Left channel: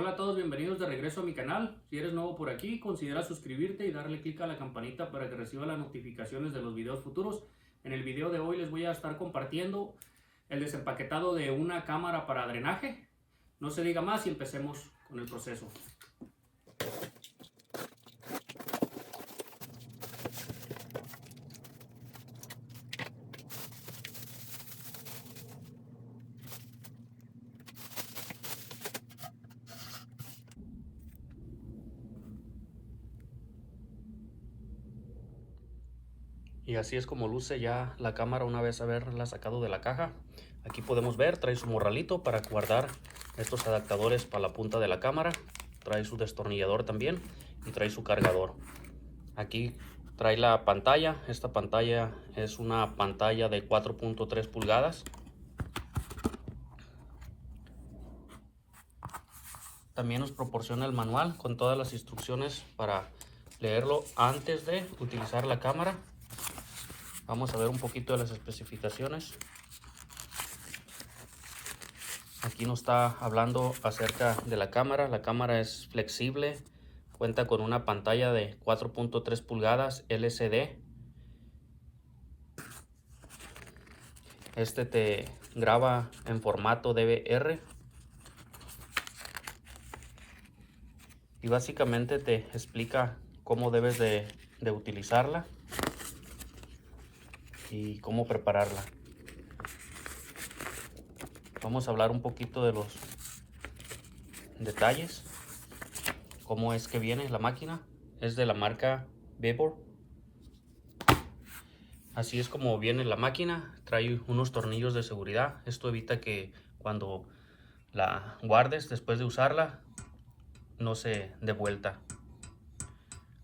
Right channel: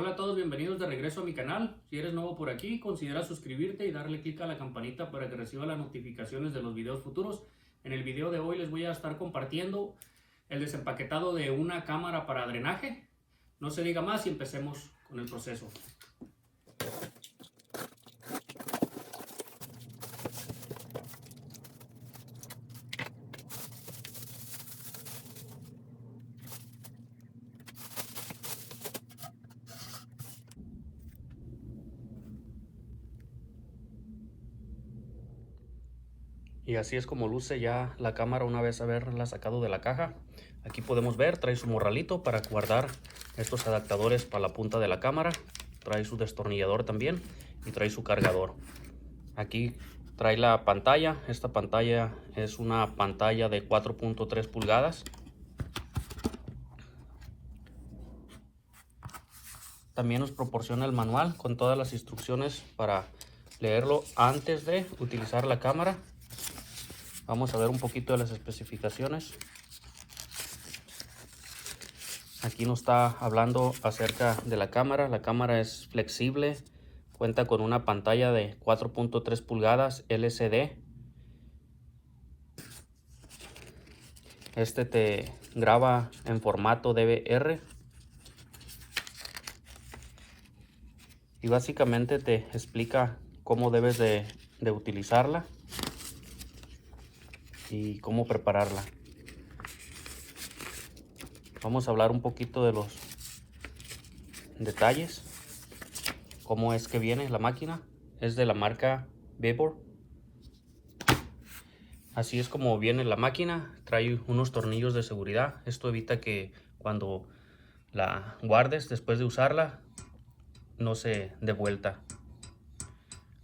Hola a todos, bienvenidos de regreso a mi canal. Si eres nuevo por aquí, considera suscribirte y darle clic a la campanita para que reciba las notificaciones de los videos futuros. En el video de hoy les voy a estar compartiendo el desempaquetado de una cámara para drenaje. No se diga más y empecemos con el proceso. Y así es como luce ya la cámara una vez haberla sacado de la caja. Aquí podemos ver, trae su morralito para guardar estos adaptadores para la punta de la cámara. Trae su destornillador también y trae su cargador. Aquí trae la pantalla. Esta pantalla es una pantalla de 4.3 pulgadas. También nos proporciona el manual con todas las instrucciones para leerlo antes de utilizar la cámara. Vamos a ver un poquito de las especificaciones. Aquí nos está hablando acerca de la cámara. La cámara es flexible, cuenta con una pantalla de 4.3 pulgadas LCD. Este te graba en formato DVR. Y básicamente te explica cómo debes de utilizarla y cómo prepararla. Vamos a hablar un poquito de los detalles. Cómo es que viene la máquina. Es de la marca Vibor. Así es como viene la máquina. Trae unos tornillos de seguridad. Esto evita que cuando la guardes después de usarla no se dé vuelta.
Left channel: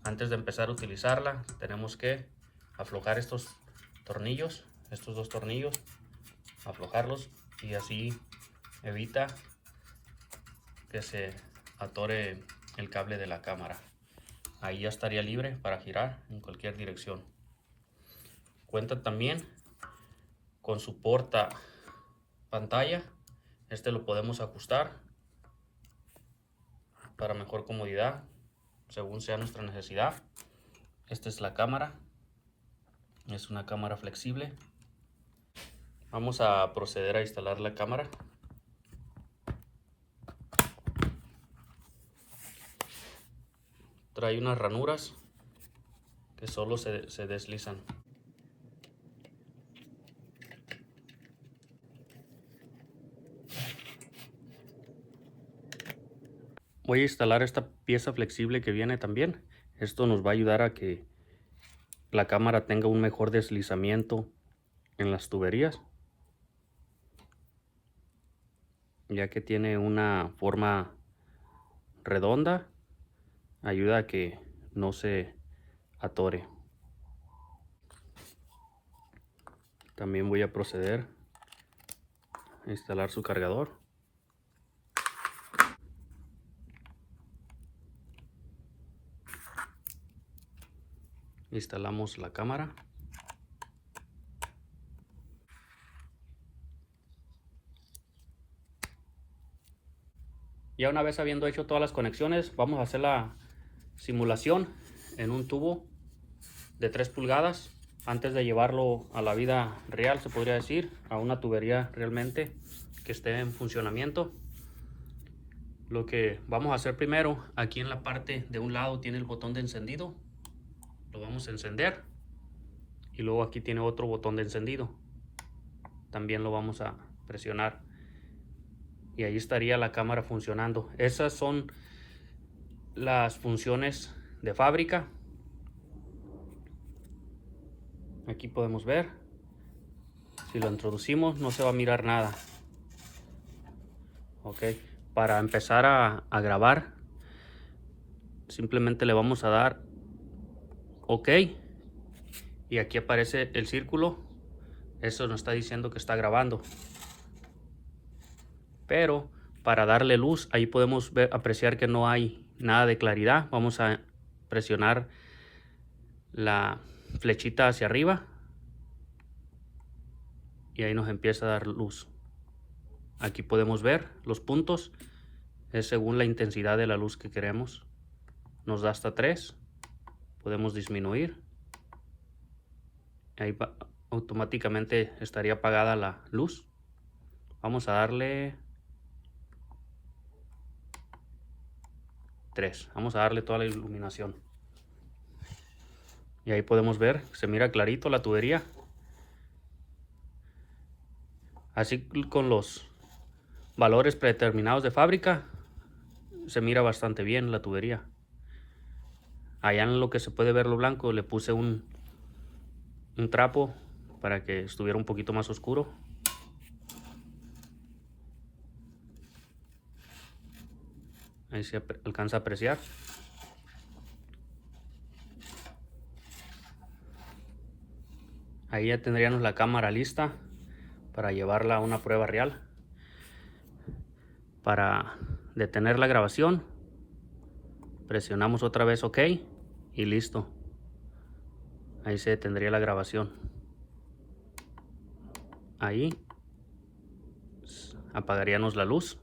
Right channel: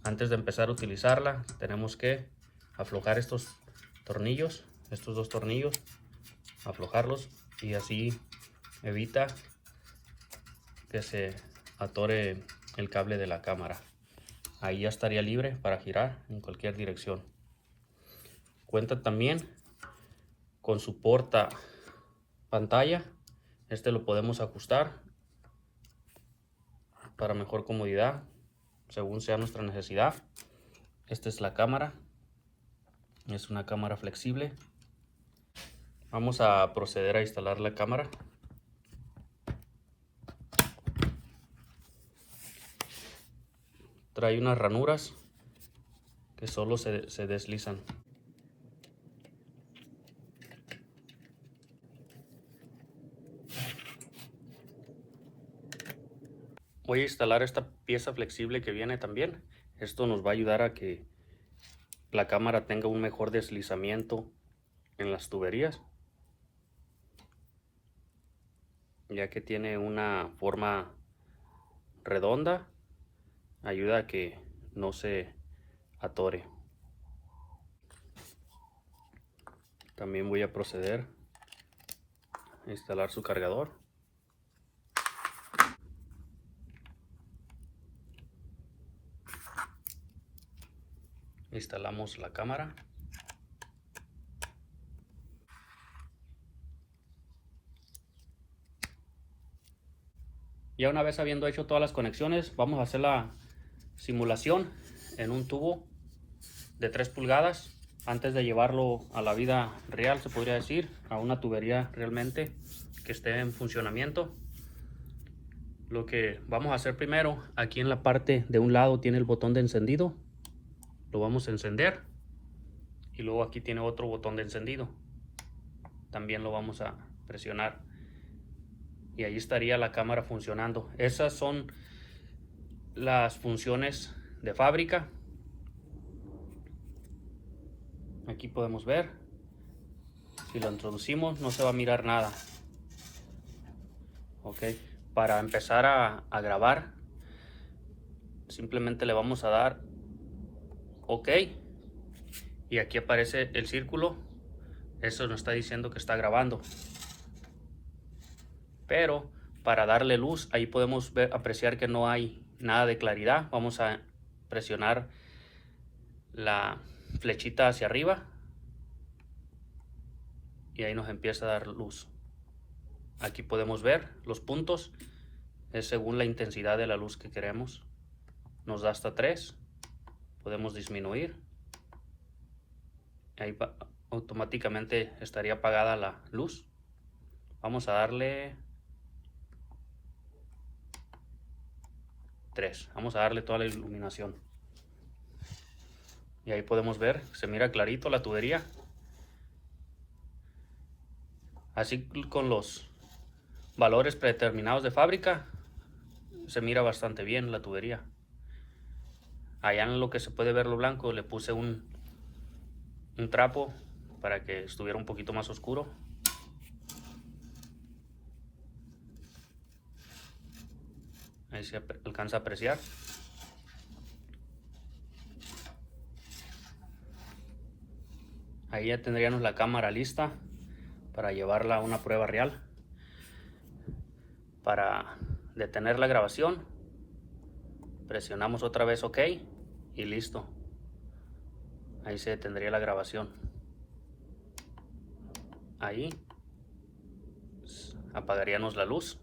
Antes de empezar a utilizarla tenemos que aflojar estos tornillos, estos dos tornillos, aflojarlos y así evita que se atore el cable de la cámara. Ahí ya estaría libre para girar en cualquier dirección. Cuenta también con su porta pantalla. Este lo podemos ajustar para mejor comodidad según sea nuestra necesidad. Esta es la cámara. Es una cámara flexible. Vamos a proceder a instalar la cámara. Trae unas ranuras que solo se deslizan. Voy a instalar esta pieza flexible que viene también. Esto nos va a ayudar a que la cámara tenga un mejor deslizamiento en las tuberías, ya que tiene una forma redonda. Ayuda a que no se atore. También voy a proceder a instalar su cargador. Instalamos la cámara. Ya una vez habiendo hecho todas las conexiones, vamos a hacer la simulación en un tubo de 3 pulgadas antes de llevarlo a la vida real, se podría decir, a una tubería realmente que esté en funcionamiento. Lo que vamos a hacer primero, aquí en la parte de un lado tiene el botón de encendido. Lo vamos a encender y luego aquí tiene otro botón de encendido. También lo vamos a presionar y ahí estaría la cámara funcionando. Esas son las funciones de fábrica. Aquí podemos ver, si lo introducimos no se va a mirar nada. Ok, para empezar a grabar simplemente le vamos a dar OK y aquí aparece el círculo. Eso nos está diciendo que está grabando. Pero para darle luz, ahí podemos apreciar que no hay nada de claridad. Vamos a presionar la flechita hacia arriba y ahí nos empieza a dar luz. Aquí podemos ver los puntos. Es según la intensidad de la luz que queremos. Nos da hasta 3. Podemos disminuir. Ahí automáticamente estaría apagada la luz. Vamos a darle 3. Vamos a darle toda la iluminación. Y ahí podemos ver, se mira clarito la tubería. Así con los valores predeterminados de fábrica, se mira bastante bien la tubería. Allá en lo que se puede ver lo blanco le puse un trapo para que estuviera un poquito más oscuro. Ahí se alcanza a apreciar. Ahí ya tendríamos la cámara lista para llevarla a una prueba real. Para detener la grabación, presionamos otra vez OK y listo. Ahí se detendría la grabación. Ahí apagaríamos la luz.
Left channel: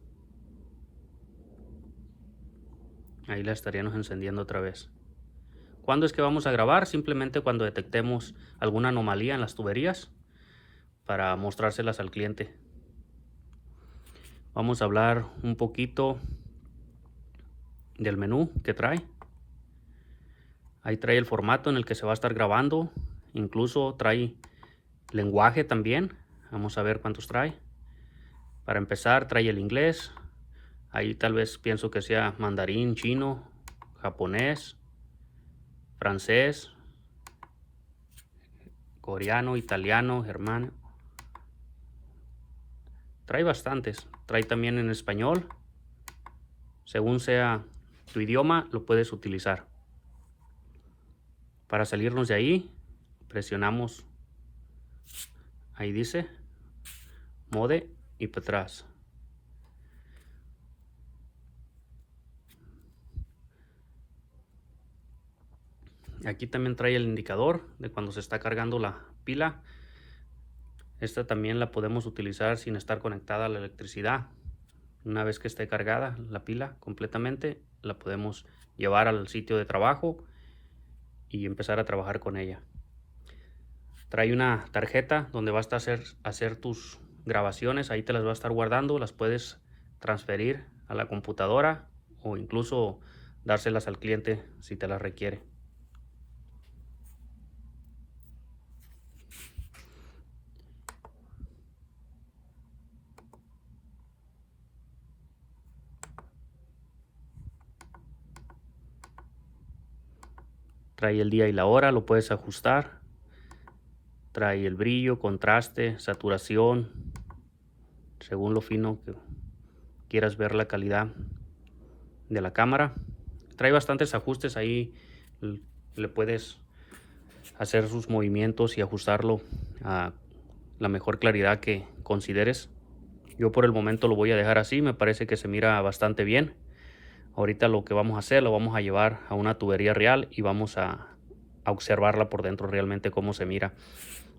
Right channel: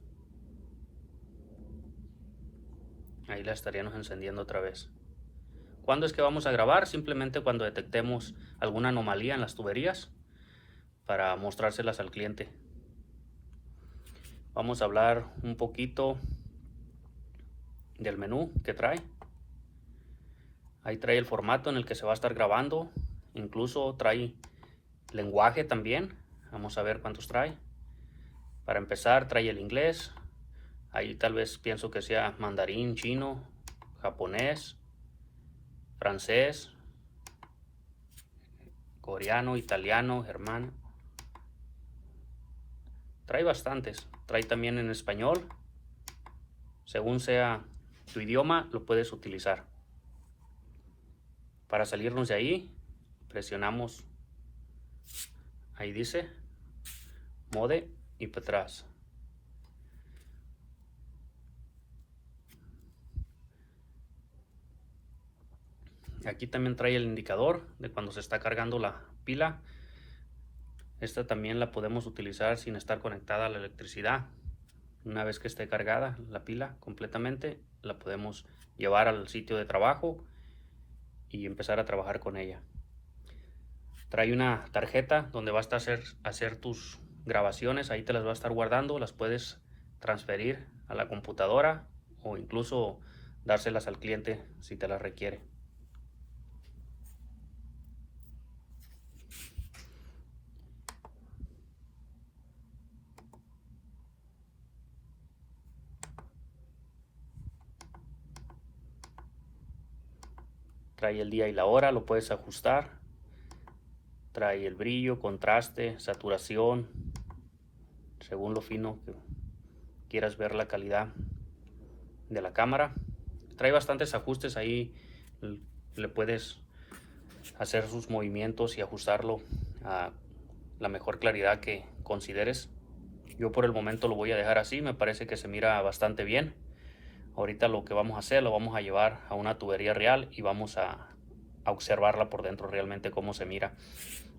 Ahí la estaríamos encendiendo otra vez. ¿Cuándo es que vamos a grabar? Simplemente cuando detectemos alguna anomalía en las tuberías para mostrárselas al cliente. Vamos a hablar un poquito del menú que trae. Ahí trae el formato en el que se va a estar grabando. Incluso trae lenguaje también. Vamos a ver cuántos trae. Para empezar trae el inglés. Ahí tal vez pienso que sea mandarín, chino, japonés, francés, coreano, italiano, germano. Trae bastantes. Trae también en español. Según sea tu idioma, lo puedes utilizar. Para salirnos de ahí, presionamos. Ahí dice Mode y para atrás. Aquí también trae el indicador de cuando se está cargando la pila. Esta también la podemos utilizar sin estar conectada a la electricidad. Una vez que esté cargada la pila completamente, la podemos llevar al sitio de trabajo y empezar a trabajar con ella. Trae una tarjeta donde vas a hacer tus grabaciones. Ahí te las va a estar guardando. Las puedes transferir a la computadora o incluso dárselas al cliente si te las requiere. Trae el día y la hora, lo puedes ajustar. Trae el brillo, contraste, saturación, según lo fino que quieras ver la calidad de la cámara. Trae bastantes ajustes ahí, le puedes hacer sus movimientos y ajustarlo a la mejor claridad que consideres. Yo por el momento lo voy a dejar así, me parece que se mira bastante bien. Ahorita lo que vamos a hacer, lo vamos a llevar a una tubería real y vamos a observarla por dentro realmente cómo se mira.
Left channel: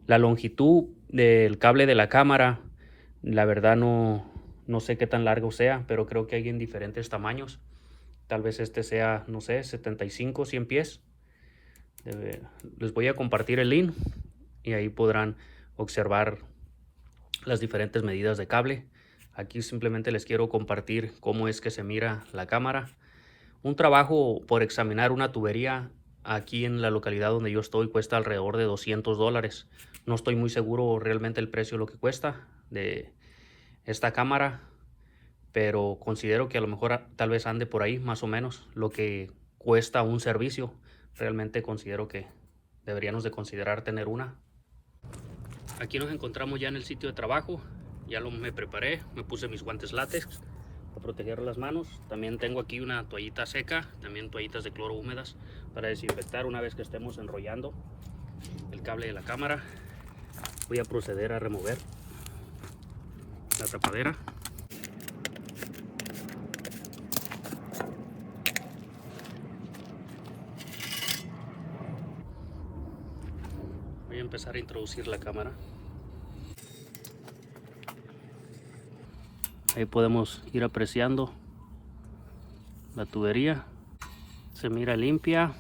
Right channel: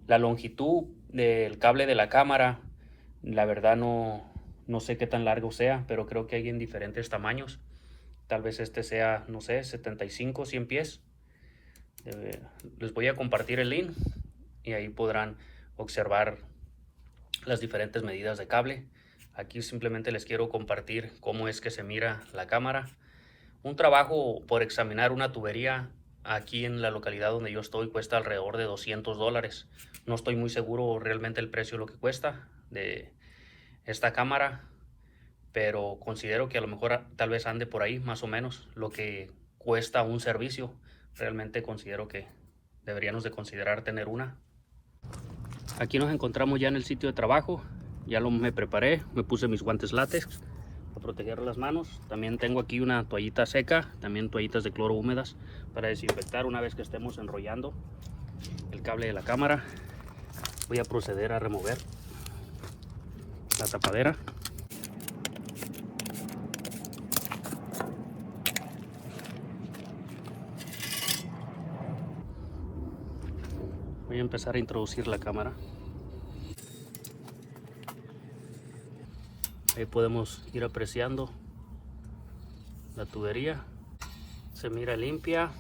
La longitud del cable de la cámara, la verdad no sé qué tan largo sea, pero creo que hay en diferentes tamaños. Tal vez este sea, no sé, 75, 100 pies. Les voy a compartir el link y ahí podrán observar las diferentes medidas de cable. Aquí simplemente les quiero compartir cómo es que se mira la cámara. Un trabajo por examinar una tubería aquí en la localidad donde yo estoy cuesta alrededor de $200. No estoy muy seguro realmente el precio de lo que cuesta de esta cámara, pero considero que a lo mejor tal vez ande por ahí más o menos lo que cuesta un servicio. Realmente considero que deberíamos de considerar tener una. Aquí nos encontramos ya en el sitio de trabajo. Ya me preparé, me puse mis guantes látex para proteger las manos. También tengo aquí una toallita seca, también toallitas de cloro húmedas para desinfectar una vez que estemos enrollando el cable de la cámara. Voy a proceder a remover la tapadera. Voy a empezar a introducir la cámara. Ahí podemos ir apreciando La tubería se mira limpia.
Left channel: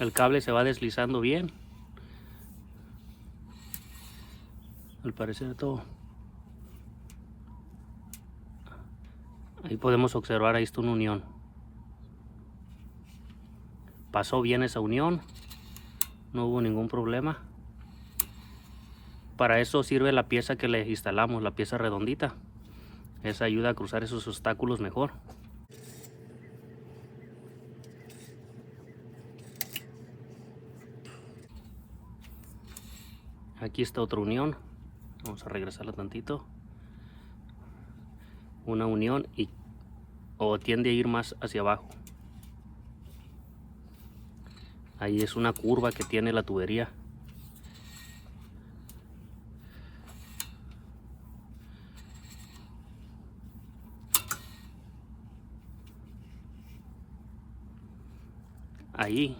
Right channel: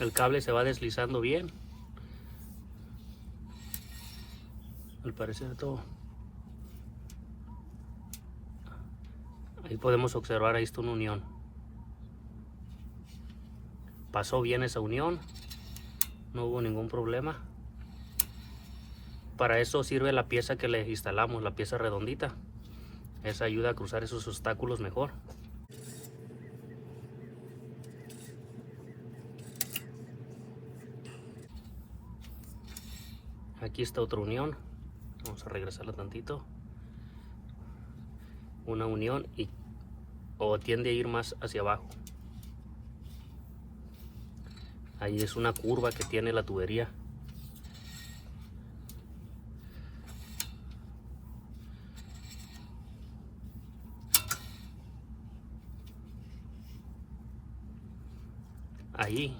El cable se va deslizando bien. Al parecer todo. Ahí podemos observar, ahí está una unión. Pasó bien esa unión. No hubo ningún problema. Para eso sirve la pieza que le instalamos, la pieza redondita. Esa ayuda a cruzar esos obstáculos mejor. Aquí está otra unión. Vamos a regresarlo tantito. Una unión o tiende a ir más hacia abajo. Ahí es una curva que tiene la tubería. Ahí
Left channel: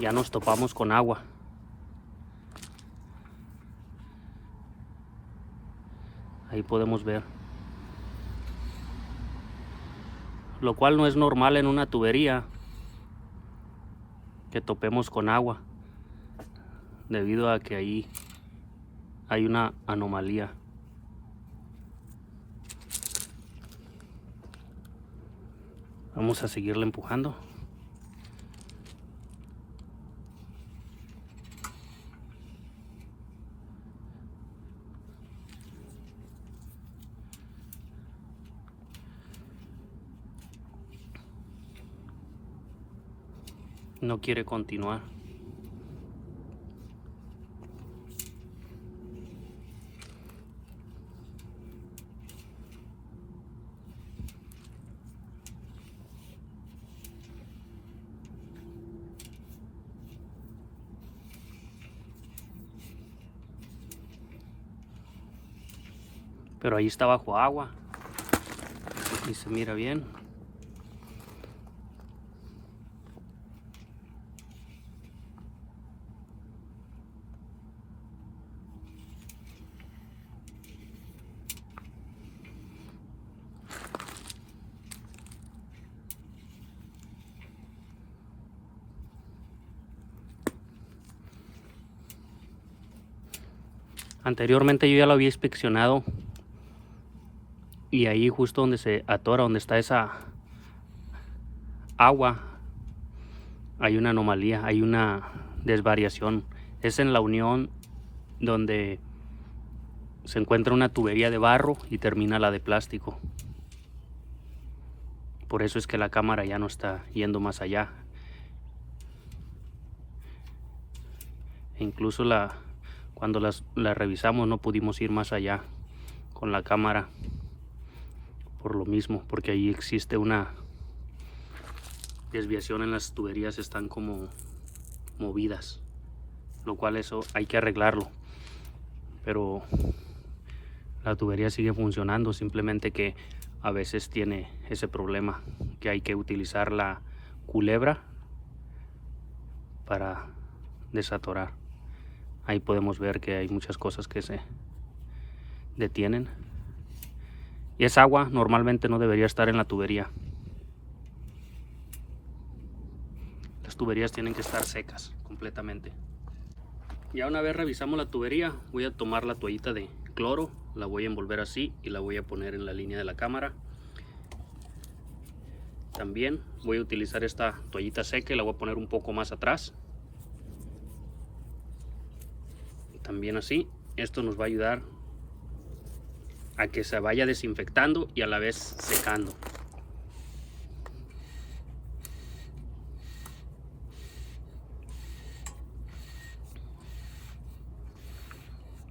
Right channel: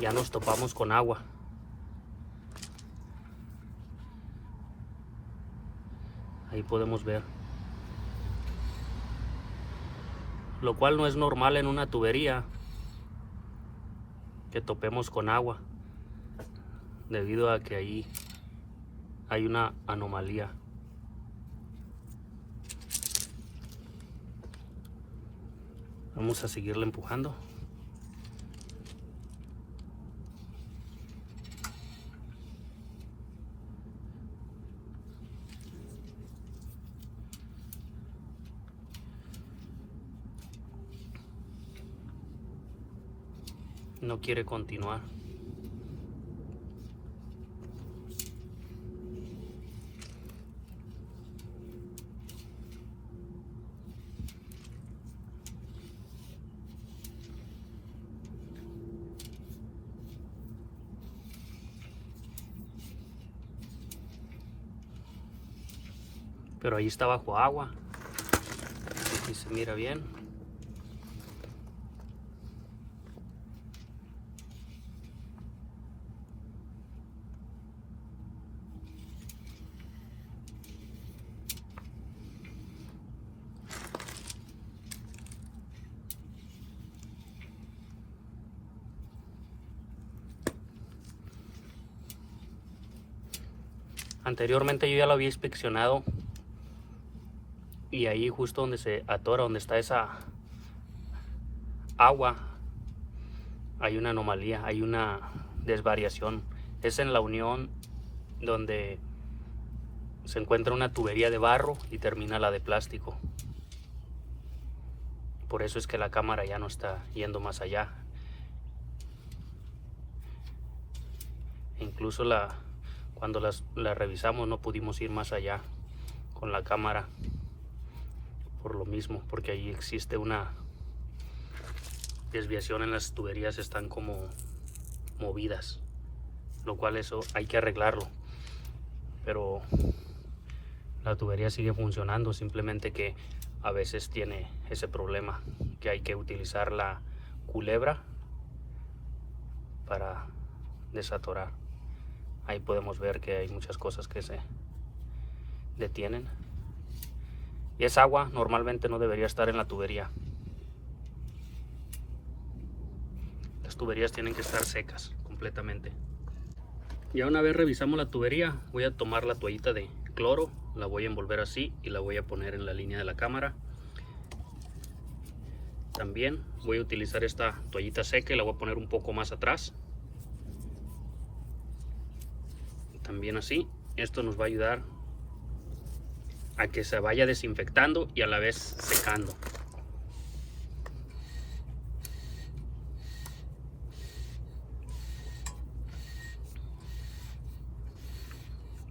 ya nos topamos con agua. Ahí podemos ver. Lo cual no es normal en una tubería que topemos con agua, debido a que ahí hay una anomalía. Vamos a seguirle empujando. No quiere continuar. Pero ahí está bajo agua y se mira bien. Anteriormente yo ya lo había inspeccionado y ahí justo donde se atora, donde está esa agua, hay una anomalía, hay una desvariación. Es en la unión donde se encuentra una tubería de barro y termina la de plástico. Por eso es que la cámara ya no está yendo más allá. E incluso cuando la revisamos no pudimos ir más allá con la cámara. Por lo mismo, porque ahí existe una desviación en las tuberías, están como movidas, lo cual eso hay que arreglarlo. Pero la tubería sigue funcionando, simplemente que a veces tiene ese problema, que hay que utilizar la culebra para desatorar. Ahí podemos ver que hay muchas cosas que se detienen. Y esa agua normalmente no debería estar en la tubería. Las tuberías tienen que estar secas completamente. Ya una vez revisamos la tubería, voy a tomar la toallita de cloro, la voy a envolver así y la voy a poner en la línea de la cámara. También voy a utilizar esta toallita seca y la voy a poner un poco más atrás. También así, esto nos va a ayudar a que se vaya desinfectando y a la vez secando.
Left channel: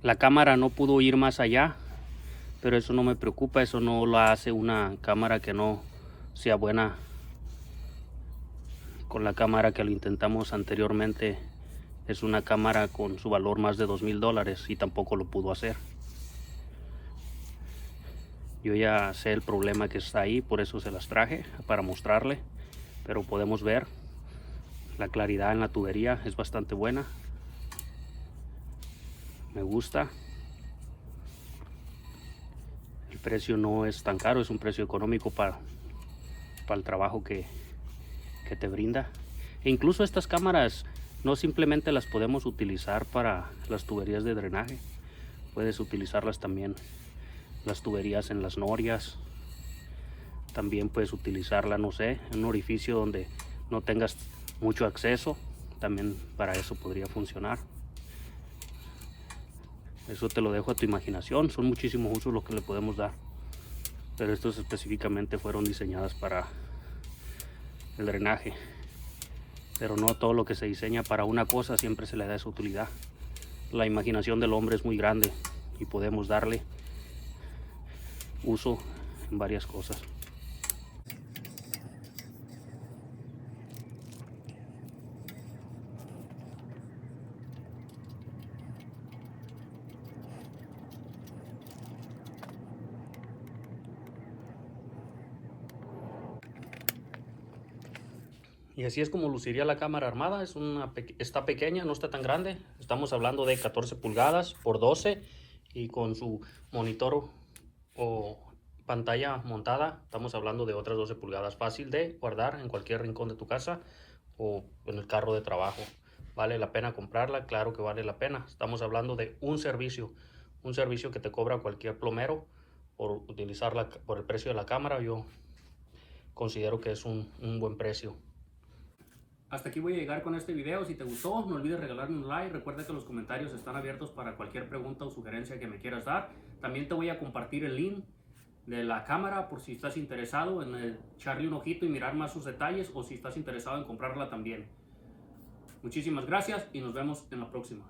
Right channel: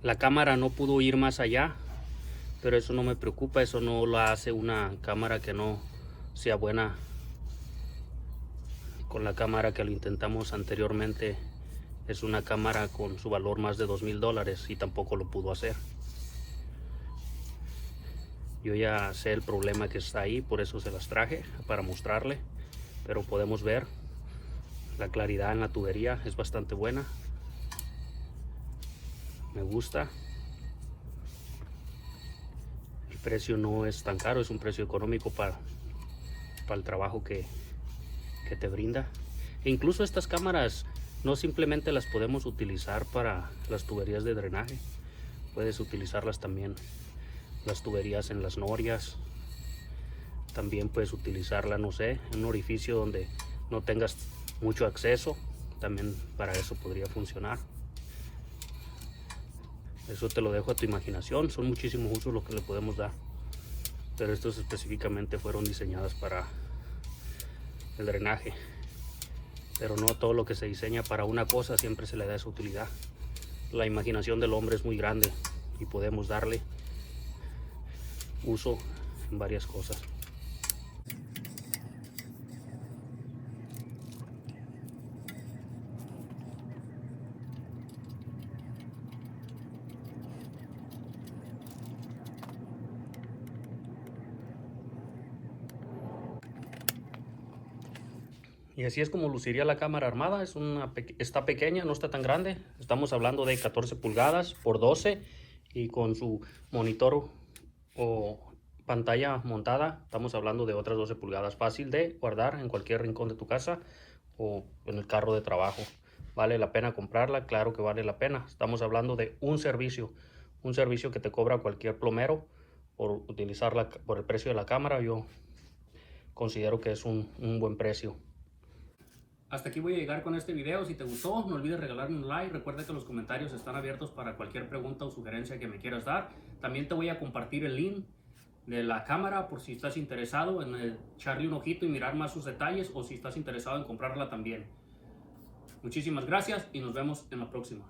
La cámara no pudo ir más allá, pero eso no me preocupa, eso no lo hace una cámara que no sea buena. Con la cámara que lo intentamos anteriormente, es una cámara con su valor más de $2000 y tampoco lo pudo hacer. Yo ya sé el problema que está ahí, por eso se las traje para mostrarle, pero podemos ver la claridad en la tubería es bastante buena. Me gusta. El precio no es tan caro, es un precio económico para el trabajo que te brinda. E incluso estas cámaras no simplemente las podemos utilizar para las tuberías de drenaje, puedes utilizarlas también las tuberías en las norias. También puedes utilizarla, no sé, en un orificio donde no tengas mucho acceso, también para eso podría funcionar. Eso te lo dejo a tu imaginación, son muchísimos usos los que le podemos dar, pero estos específicamente fueron diseñadas para el drenaje. Pero no todo lo que se diseña para una cosa siempre se le da esa utilidad. La imaginación del hombre es muy grande y podemos darle uso en varias cosas. Y así es como luciría la cámara armada. Está pequeña, no está tan grande. Estamos hablando de 14 pulgadas por 12 y con su monitor o pantalla montada estamos hablando de otras 12 pulgadas. Fácil de guardar en cualquier rincón de tu casa o en el carro de trabajo. ¿Vale la pena comprarla? Claro que vale la pena. Estamos hablando de un servicio que te cobra cualquier plomero por utilizarla, por el precio de la cámara. Yo considero que es un buen precio. Hasta aquí voy a llegar con este video. Si te gustó, no olvides regalarme un like. Recuerda que los comentarios están abiertos para cualquier pregunta o sugerencia que me quieras dar. También te voy a compartir el link de la cámara por si estás interesado en echarle un ojito y mirar más sus detalles, o si estás interesado en comprarla también. Muchísimas gracias y nos vemos en la próxima.